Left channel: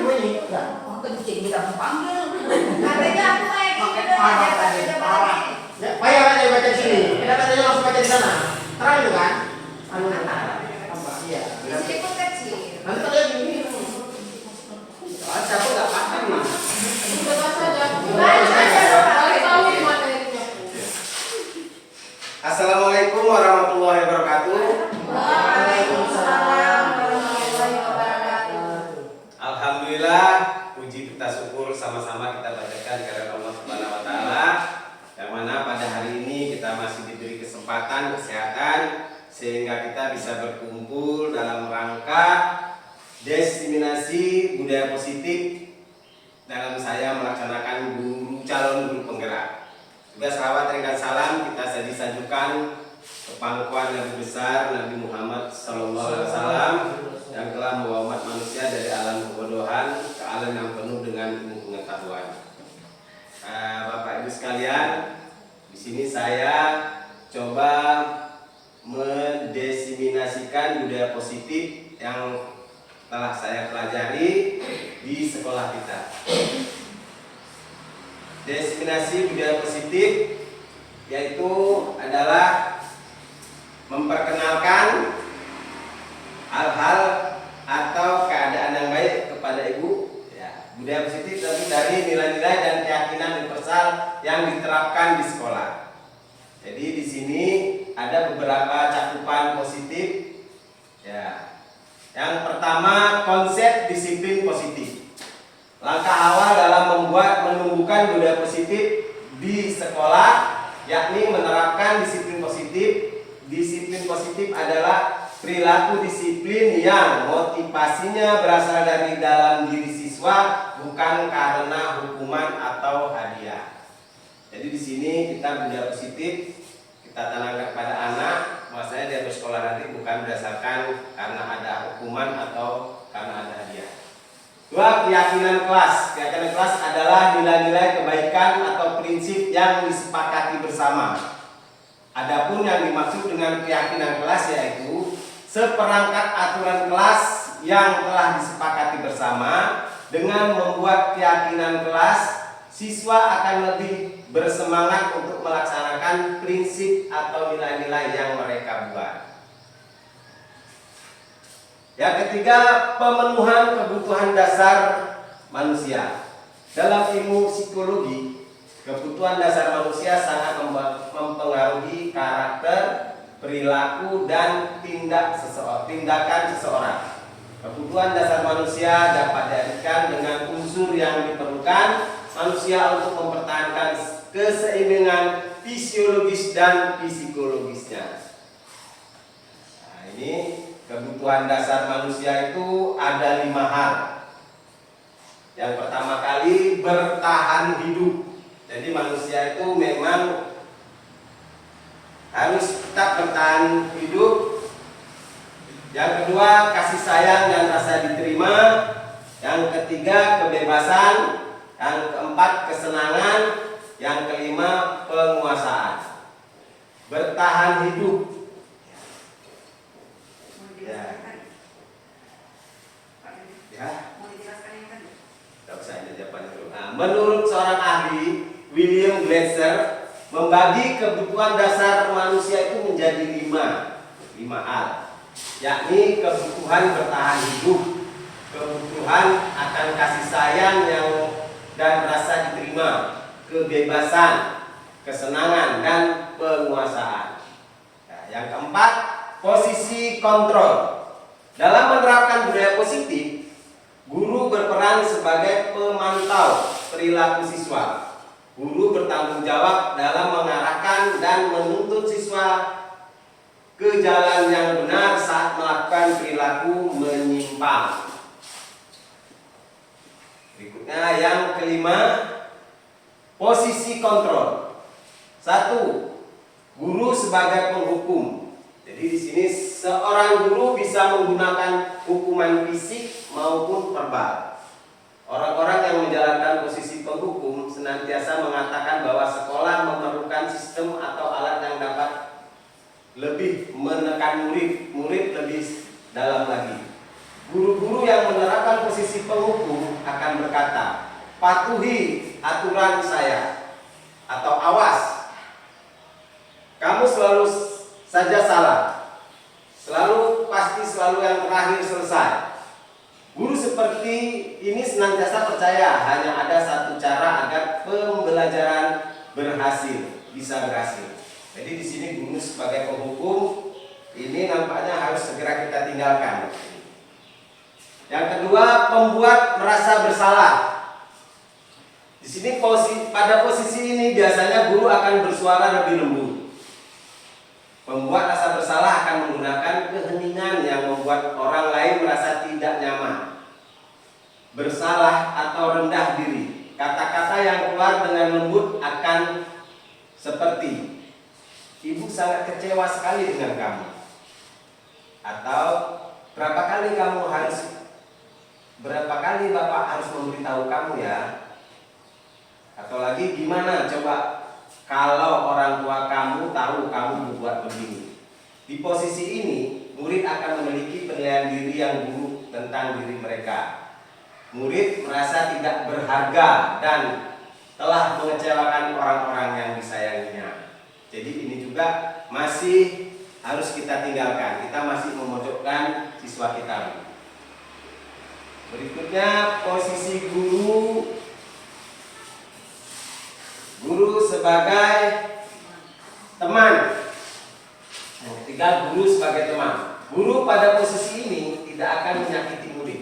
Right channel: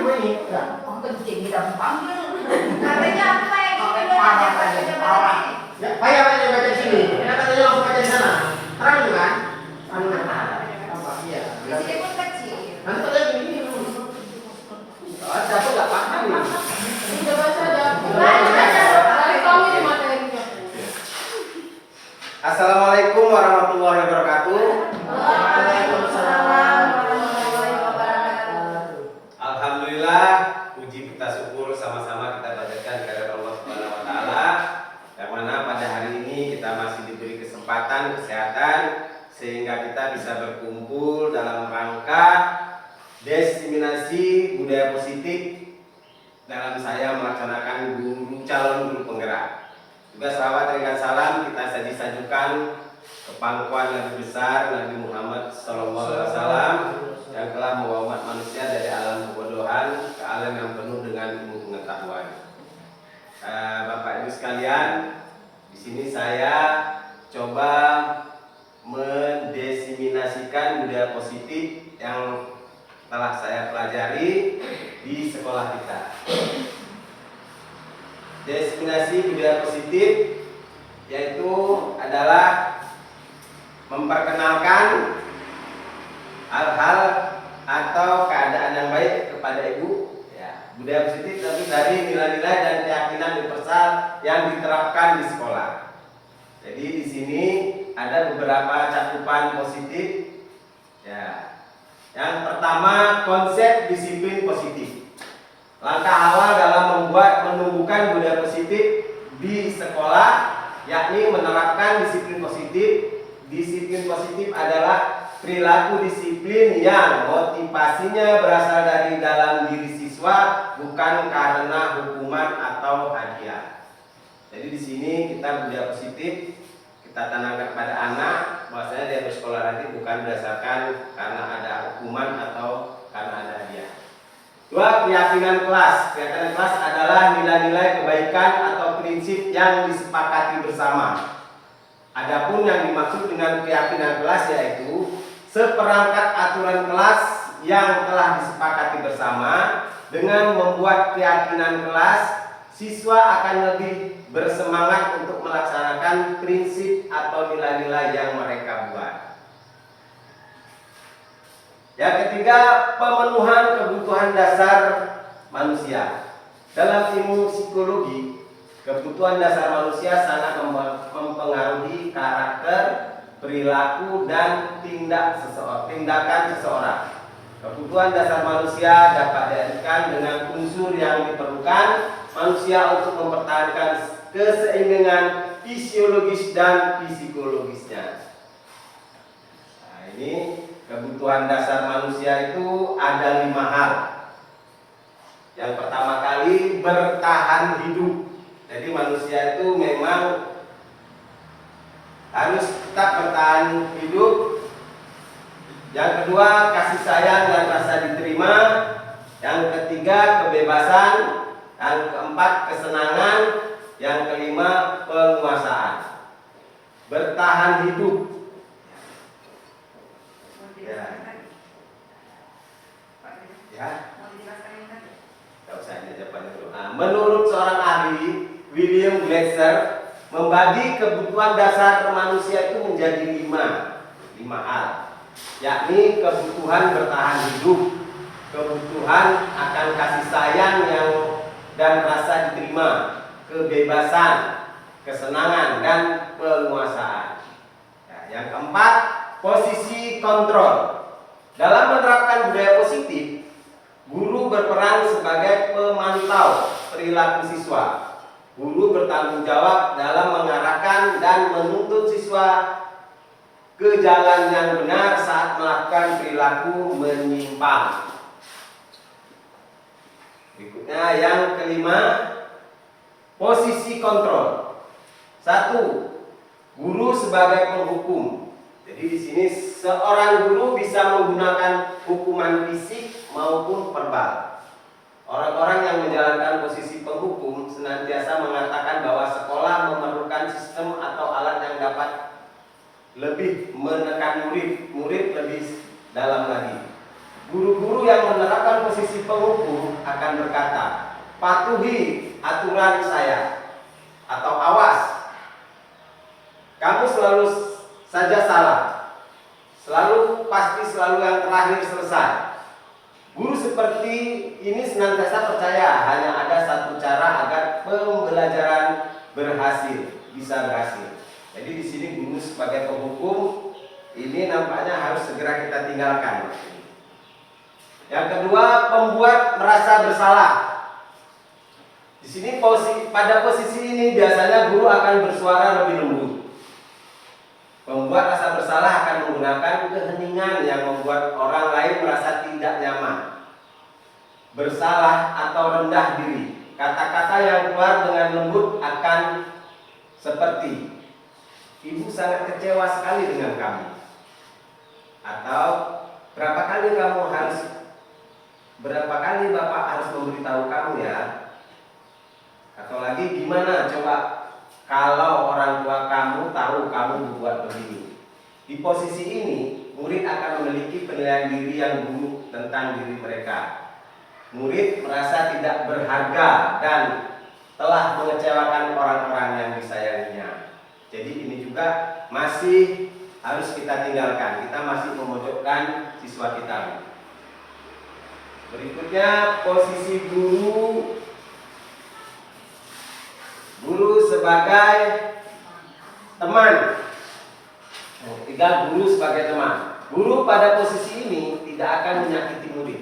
bunyi. Oh, kencing kita panggil. Katanya aku kayak gini udah dia baca ini. Ya, payah baca di sini. Kenapa tadi langsung baca di sana? Terang juga kan? Anu apa? Iya. Di sini pun kecil. Nanti pada gini. Baca tuh nggak paham nih. Baca saja. Assalamualaikum warahmatullahi wabarakatuh. Waalaikumsalam warahmatullahi wabarakatuh. Alhamdulillah, puji kita syukur sama-sama kita bacakan kepada Allah Subhanahu wa taala. Yang mana pada hari ini kita masih diberi kesempatan kesehatan sehingga kita bisa berkumpul dalam rangka diseminasi budaya positif dalam saya melaksanakan calon guru penggerak. Juga salawat dan salam kita sajukan ke pangkuan Nabi besar Nabi Muhammad SAW yang telah membawa umat manusia dari alam kebodohan ke alam yang penuh dengan ilmu pengetahuan. Bapak Ibu sekalian, di sini saya coba mendeseminasikan budaya positif yang telah saya pelajari di sekolah kita. Diseminasi budaya positif yaitu adalah memperkenalkan hal-hal atau keadaan yang baik kepada ibu. Ya, budaya positif tapi dari nilai-nilai dan keyakinan universal yang diterapkan di sekolah. Jadi di sini ada beberapa cakupan positif. Ya, yang pertama konsep disiplin positif. Langkah awal dalam menumbuhkan budaya positif di sekolah yakni menerapkan disiplin positif. Disiplin positif adalah perilaku disiplin yang motivasinya berasal dari dalam diri siswa bukan karena hukuman atau hadiah. Jadi di sini kita budaya positif kita tanamkan kepada anak bahwasanya dia bersekolah nanti bukan berdasarkan karena ada hukuman atau karena ada hadiah. Dua, keyakinan kelas. Keyakinan kelas adalah nilai-nilai kebaikan atau prinsip yang disepakati bersama. Adapun yang dimaksud dengan keyakinan kelas yaitu seperangkat aturan kelas yang telah disepakati bersama. Dengan membuat keyakinan kelas, siswa akan lebih bersemangat untuk melaksanakan prinsip atau nilai-nilai yang mereka buat. Yang ketiga, pemenuhan kebutuhan dasar manusia. Dalam ilmu psikologi, kebutuhan dasar manusia sangat mempengaruhi karakter, perilaku, dan tindakan seseorang. Kebutuhan dasar manusia dapat diartikan dengan unsur yang diperlukan manusia untuk mempertahankan keseimbangan fisiologis dan psikologisnya. Nah, ini kebutuhan dasar manusia itu ada 5 hal. Yang pertama kali bertahan hidup. Jadi manusia itu memang harus tetap bertahan hidup. Yang kedua kasih sayang dan rasa diterima. Yang ketiga kebebasan. Yang keempat kesenangan. Yang kelima penguasaan. Bertahan hidup. Tidak usah ini jawabannya dulu. Nah, menurut seorang ahli William Glasser membagi kebutuhan dasar manusia itu menjadi 5 hal, yakni kebutuhan bertahan hidup, kebutuhan akan kasih sayang dan rasa diterima, kebebasan, kesenangan, dan penguasaan. Nah, yang keempat, posisi kontrol. Dalam menerapkan budaya positif, guru berperan sebagai pemantau perilaku siswa. Guru bertanggung jawab dalam mengarahkan dan menuntut siswa ke jalan yang benar saat melakukan perilaku menyimpang. Berikutnya yang kelima, posisi kontrol. 1. Guru sebagai penghukum. Jadi di sini seorang guru bisa menggunakan hukuman fisik maupun verbal. Orang-orang yang menjalankan posisi penghukum senantiasa mengatakan bahwa sekolah memerlukan sistem atau alat yang dapat lebih menekan murid lebih dalam lagi. Guru-guru yang menerapkan posisi penghukum akan berkata, patuhi aturan saya, atau awas, kamu selalu saja salah, pasti selalu yang terakhir selesai. Guru seperti ini senantiasa percaya hanya ada satu cara agar pembelajaran bisa berhasil. Jadi di sini guru sebagai penghukum ini nampaknya harus segera kita tinggalkan. Yang kedua, pembuat merasa bersalah. Di sini pada posisi ini biasanya guru akan bersuara lebih lembut. Pembuat rasa bersalah akan menggunakan keheningan yang membuat orang lain merasa tidak nyaman, bersalah atau rendah diri. Kata-kata yang keluar dengan lembut akan seperti, ibu sangat kecewa sekali dengan kamu, atau berapa kali bapak harus memberitahu kamu ya, atau lagi gimana coba kalau orang tua kamu tahu kamu berbuat begini. Di posisi ini, murid akan memiliki penilaian diri yang buruk tentang diri mereka. Murid merasa tidak berharga dan telah mengecewakan orang-orang yang disayanginya. Jadi ini juga masih harus kita tinggalkan. Kita masih memojokkan siswa kita. Berikutnya, posisi guru sebagai teman. Ketiga, guru sebagai teman. Guru pada posisi ini tidak akan menyakiti murid,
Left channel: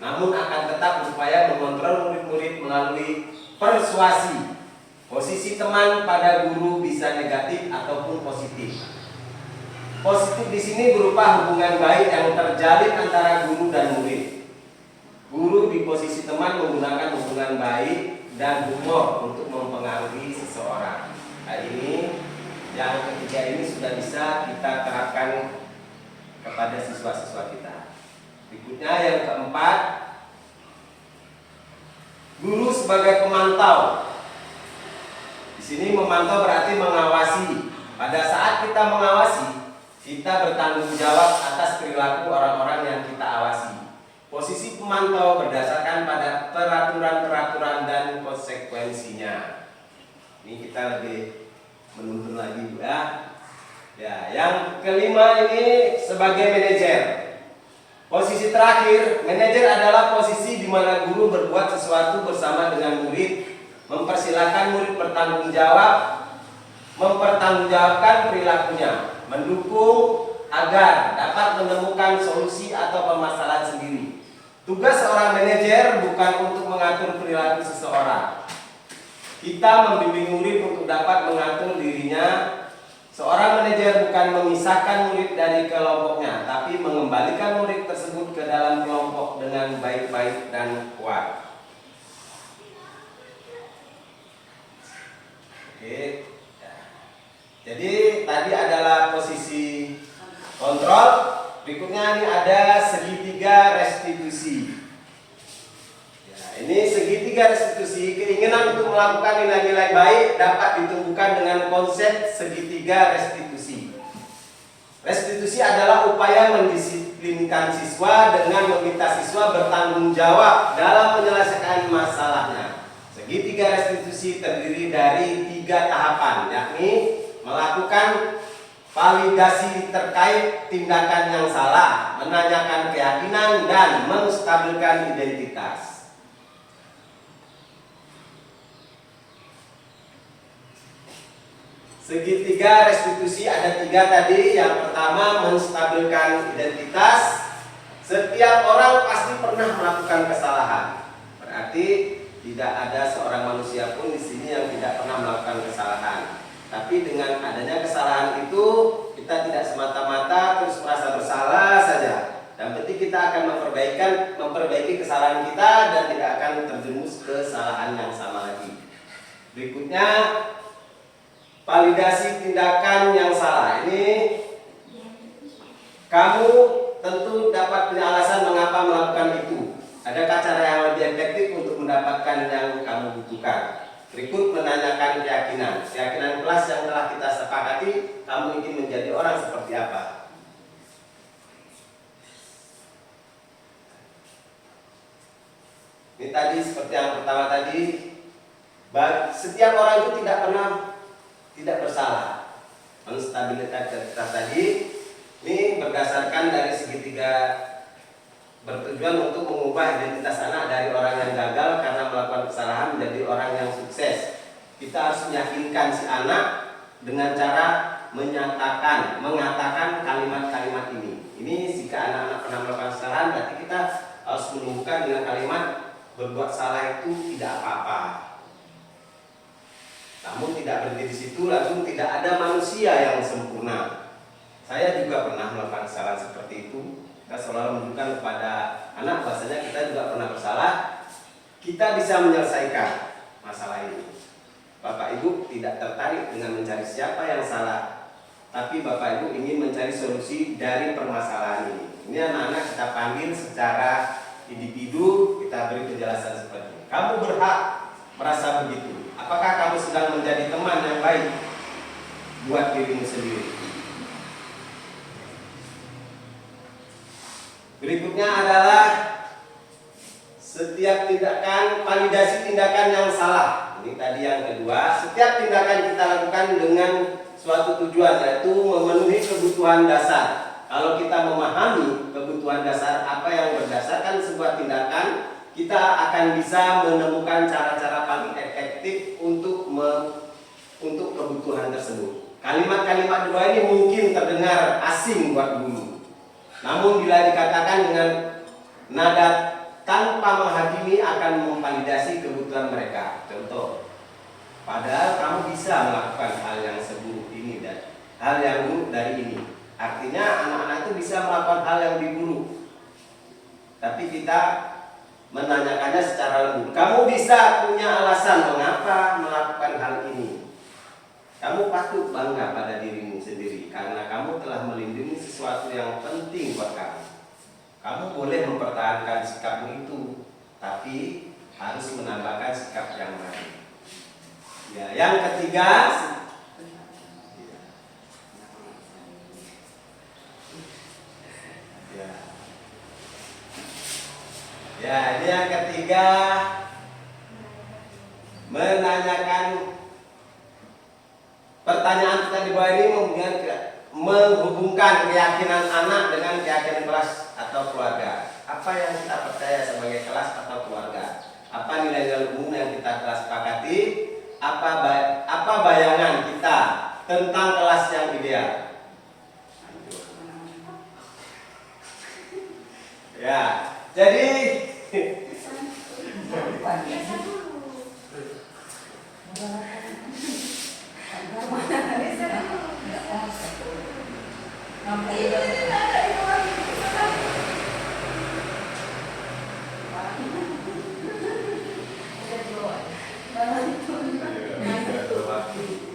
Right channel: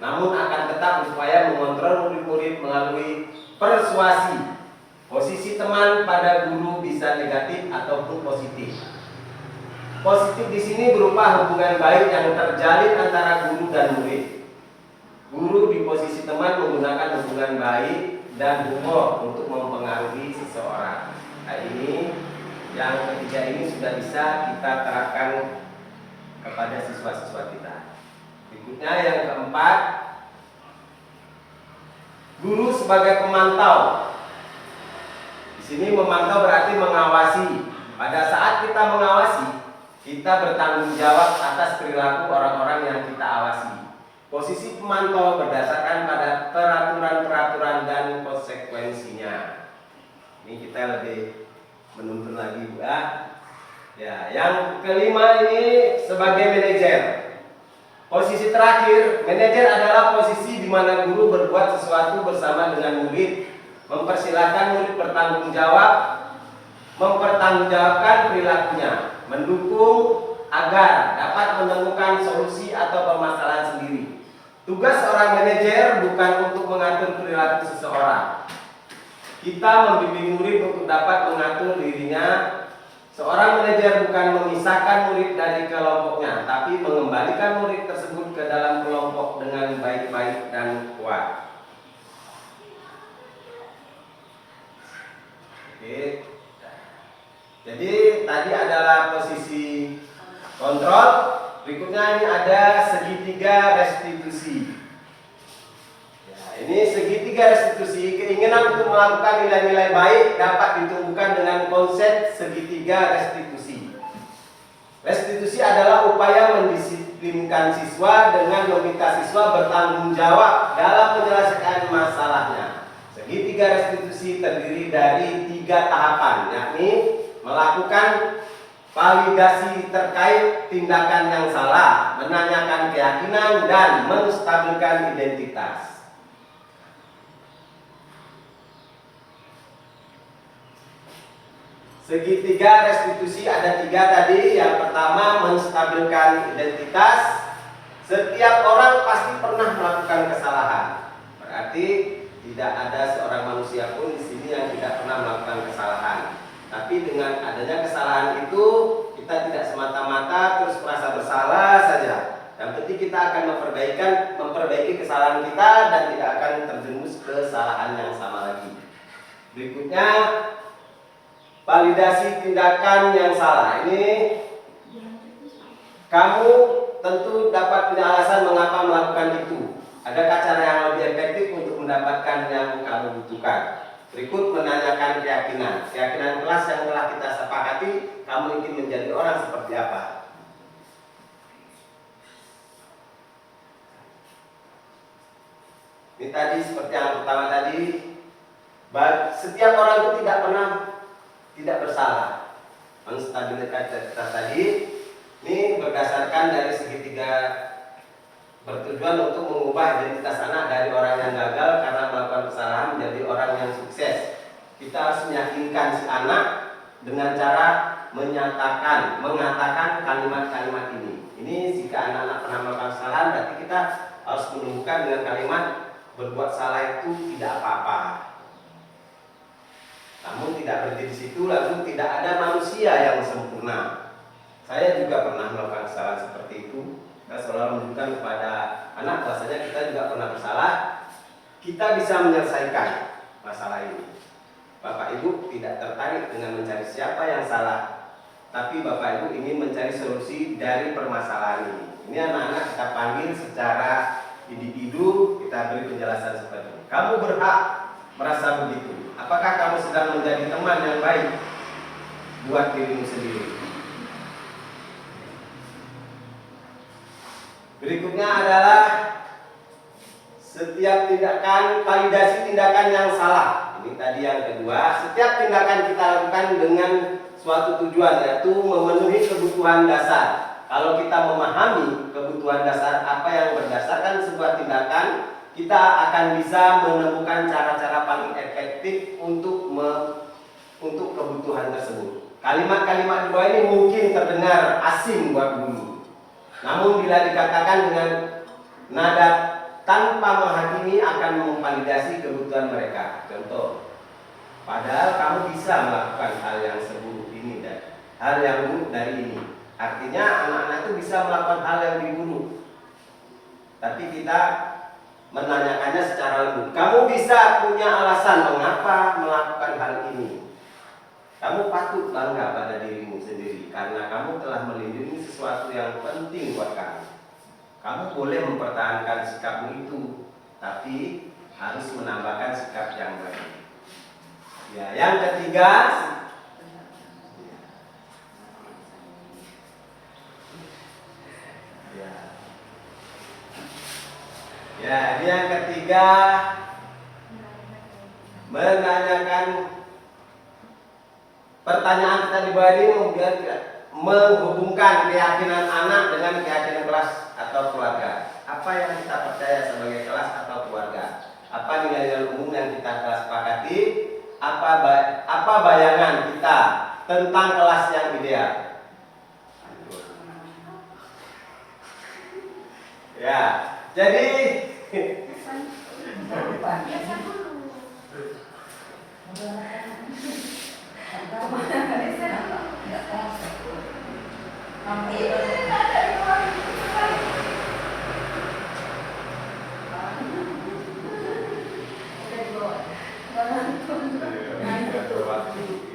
namun akan tetap berupaya mengontrol murid-murid melalui persuasi. Posisi teman pada guru bisa negatif ataupun positif. Positif di sini berupa hubungan baik yang terjalin antara guru dan murid. Guru di posisi teman menggunakan hubungan baik dan humor untuk mempengaruhi seseorang. Nah ini yang ketiga ini sudah bisa kita terapkan kepada siswa-siswa kita. Berikutnya yang keempat, guru sebagai pemantau. Di sini memantau berarti mengawasi. Pada saat kita mengawasi, kita bertanggung jawab atas perilaku orang-orang yang kita awasi. Posisi pemantau berdasarkan pada peraturan-peraturan dan konsekuensinya. Ini kita lebih menuntun lagi ya. Ya, yang kelima ini sebagai manajer. Posisi terakhir, manajer adalah posisi di mana guru berbuat sesuatu bersama dengan murid, mempersilahkan murid bertanggung jawab, mempertanggungjawabkan perilakunya, mendukung agar dapat menemukan solusi atau permasalahan sendiri. Tugas seorang manajer bukan untuk mengatur perilaku seseorang. Kita membimbing murid untuk dapat mengatur dirinya. Seorang manajer bukan memisahkan murid dari kelompoknya, tapi mengembalikan murid tersebut ke dalam kelompok dengan baik-baik dan kuat. Oke. Jadi tadi adalah posisi kontrol. Berikutnya ini ada segitiga restitusi. Ya, ini segitiga restitusi. Keinginan untuk melakukan nilai-nilai baik dapat ditumbuhkan dengan konsep segitiga restitusi. Restitusi adalah upaya mendisiplinkan siswa dengan meminta siswa bertanggung jawab dalam menyelesaikan masalahnya. Segitiga restitusi terdiri dari 3 tahapan, yakni melakukan validasi terkait tindakan yang salah, menanyakan keyakinan, dan menstabilkan identitas. Segitiga restitusi ada 3 tadi. Yang pertama, menstabilkan identitas. Setiap orang pasti pernah melakukan kesalahan. Berarti tidak ada seorang manusia pun di sini yang tidak pernah melakukan kesalahan. Tapi dengan adanya kesalahan itu, kita tidak semata-mata terus merasa bersalah saja. Yang penting kita akan memperbaiki kesalahan kita dan tidak akan terjerumus ke kesalahan yang sama lagi. Berikutnya, validasi tindakan yang salah. Ini kamu tentu dapat punya alasan mengapa melakukan itu. Adakah cara yang lebih efektif untuk mendapatkan yang kamu butuhkan? Berikut menanyakan keyakinan. Keyakinan kelas yang telah kita sepakati, kamu ingin menjadi orang seperti apa? Ini tadi seperti yang pertama tadi, setiap orang itu tidak bersalah. Stabilitas kita tadi ini berdasarkan dari segitiga, bertujuan untuk mengubah identitas anak dari orang yang gagal karena melakukan kesalahan menjadi orang yang sukses. Kita harus meyakinkan si anak dengan cara mengatakan kalimat-kalimat ini. Ini jika anak-anak pernah melakukan kesalahan, berarti kita harus menumbuhkan dengan kalimat berbuat salah itu tidak apa-apa. Namun tidak berhenti di situ, langsung tidak ada manusia yang sempurna. Saya juga pernah melakukan kesalahan seperti itu. Kita selalu menunjukkan kepada anak bahwasanya kita juga pernah bersalah. Kita bisa menyelesaikan masalah ini. Bapak Ibu tidak tertarik dengan mencari siapa yang salah, tapi Bapak Ibu ingin mencari solusi dari permasalahan ini. Ini anak-anak kita panggil secara individu, kita beri penjelasan seperti ini. Kamu berhak merasa begitu. Apakah kamu sedang menjadi teman yang baik buat dirimu sendiri? Berikutnya adalah setiap tindakan, validasi tindakan yang salah. Ini tadi yang kedua. Setiap tindakan kita lakukan dengan suatu tujuan, yaitu memenuhi kebutuhan dasar. Kalau kita memahami kebutuhan dasar apa yang berdasarkan sebuah tindakan, kita akan bisa menemukan cara-cara paling efektif untuk kebutuhan tersebut. Kalimat-kalimat dua ini mungkin terdengar asing buat guru. Namun bila dikatakan dengan nada tanpa menghakimi akan memvalidasi kebutuhan mereka. Contoh, padahal kamu bisa melakukan hal yang seburuk ini dan hal yang buruk dari ini. Artinya anak-anak itu bisa melakukan hal yang buruk. Tapi kita menanyakannya secara lembut. Kamu bisa punya alasan mengapa melakukan hal ini. Kamu patut bangga pada dirimu sendiri karena kamu telah melindungi sesuatu yang penting buat kamu. Kamu boleh mempertahankan sikapmu itu, tapi harus menambahkan sikap yang baik. Ya, yang ketiga, ini yang ketiga, menanyakan pertanyaan kita di bawah ini menghubungkan keyakinan anak dengan keyakinan kelas atau keluarga. Apa yang kita percaya sebagai kelas atau keluarga? Apa nilai-nilai umum yang kita telah sepakati? Apa bayangan kita tentang kelas yang ideal? Ya, jadi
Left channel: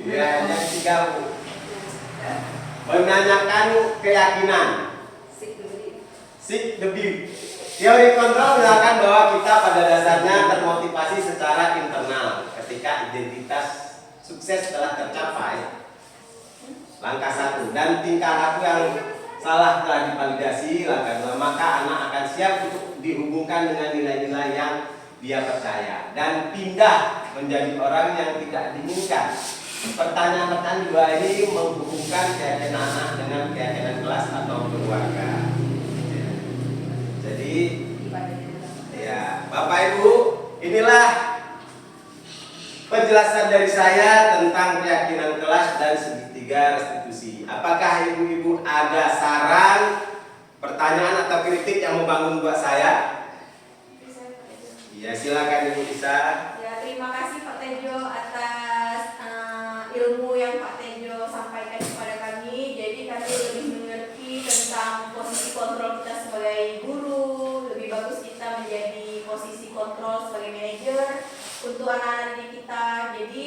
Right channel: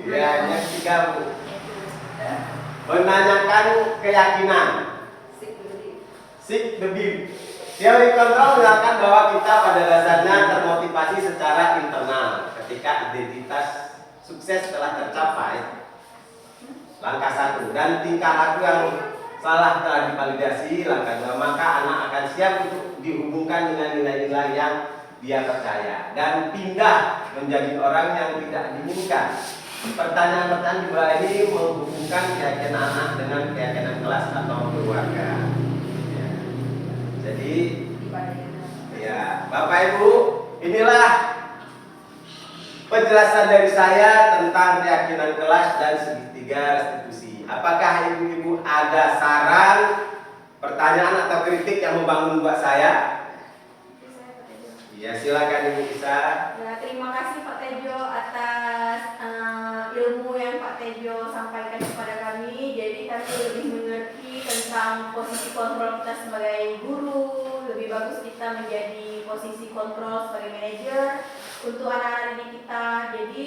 ya, yang tiga, menanyakan keyakinan. Seek the belief. Teori kontrol menyatakan bahwa kita pada dasarnya termotivasi secara internal ketika identitas sukses telah tercapai. Langkah 1, dan tingkah laku yang salah telah divalidasi. Langkah 2, maka anak akan siap untuk dihubungkan dengan nilai-nilai yang dia percaya dan pindah menjadi orang yang tidak diinginkan. Pertanyaan-pertanyaan di bawah ini menghubungkan keyakinan anak dengan keyakinan kelas atau keluarga. Ya. Jadi, ya, Bapak Ibu, inilah penjelasan dari saya tentang keyakinan kelas dan segitiga restitusi. Apakah ibu-ibu ada saran, pertanyaan atau kritik yang membangun buat saya? Iya, silakan Ibu Isa. Ya, terima kasih Pak Tejo atas ilmu yang Pak Tejo sampaikan kepada kami. Jadi kami lebih mengerti tentang posisi kontrol kita sebagai guru. Lebih bagus kita menjadi posisi kontrol sebagai manajer untuk anak-anak didik kita. Jadi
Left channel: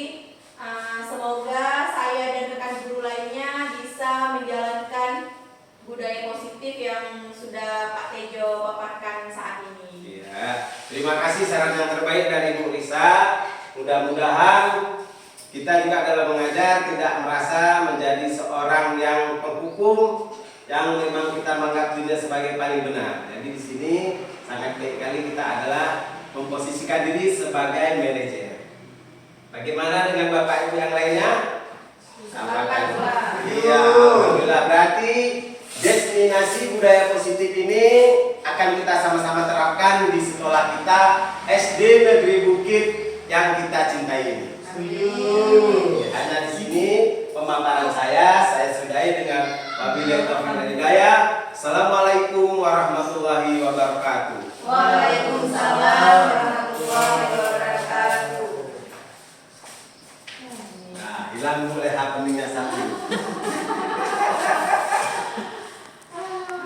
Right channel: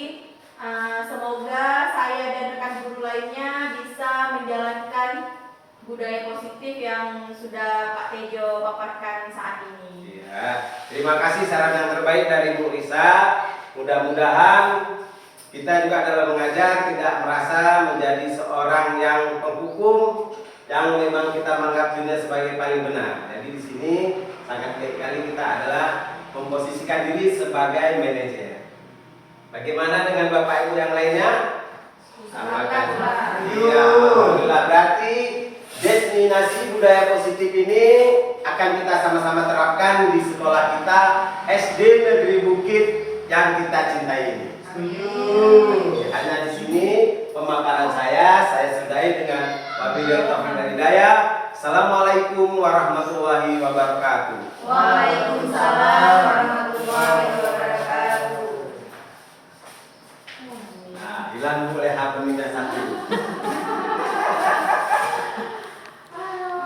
semoga saya dan rekan guru lainnya bisa menjalankan budaya positif yang sudah Pak Tejo paparkan saat ini. Ya, terima kasih saran yang terbaik dari Bu Risa. Mudah-mudahan kita juga dalam mengajar tidak merasa menjadi seorang yang penghukum yang memang kita menganggap dirinya sebagai paling benar. Jadi di sini sangat baik kali kita adalah memposisikan memposisikan diri sebagai manajer. Bagaimana dengan Bapak Ibu yang lainnya? Sama kan? Iya, alhamdulillah. Berarti destinasi budaya positif ini akan kita sama-sama terapkan di sekolah kita SD Negeri Bukit yang kita cintai ini. Hanya di sini pemaparan saya sudahi dengan wabillahi taufiq wal hidayah. Assalamualaikum warahmatullahi wabarakatuh. Waalaikumsalam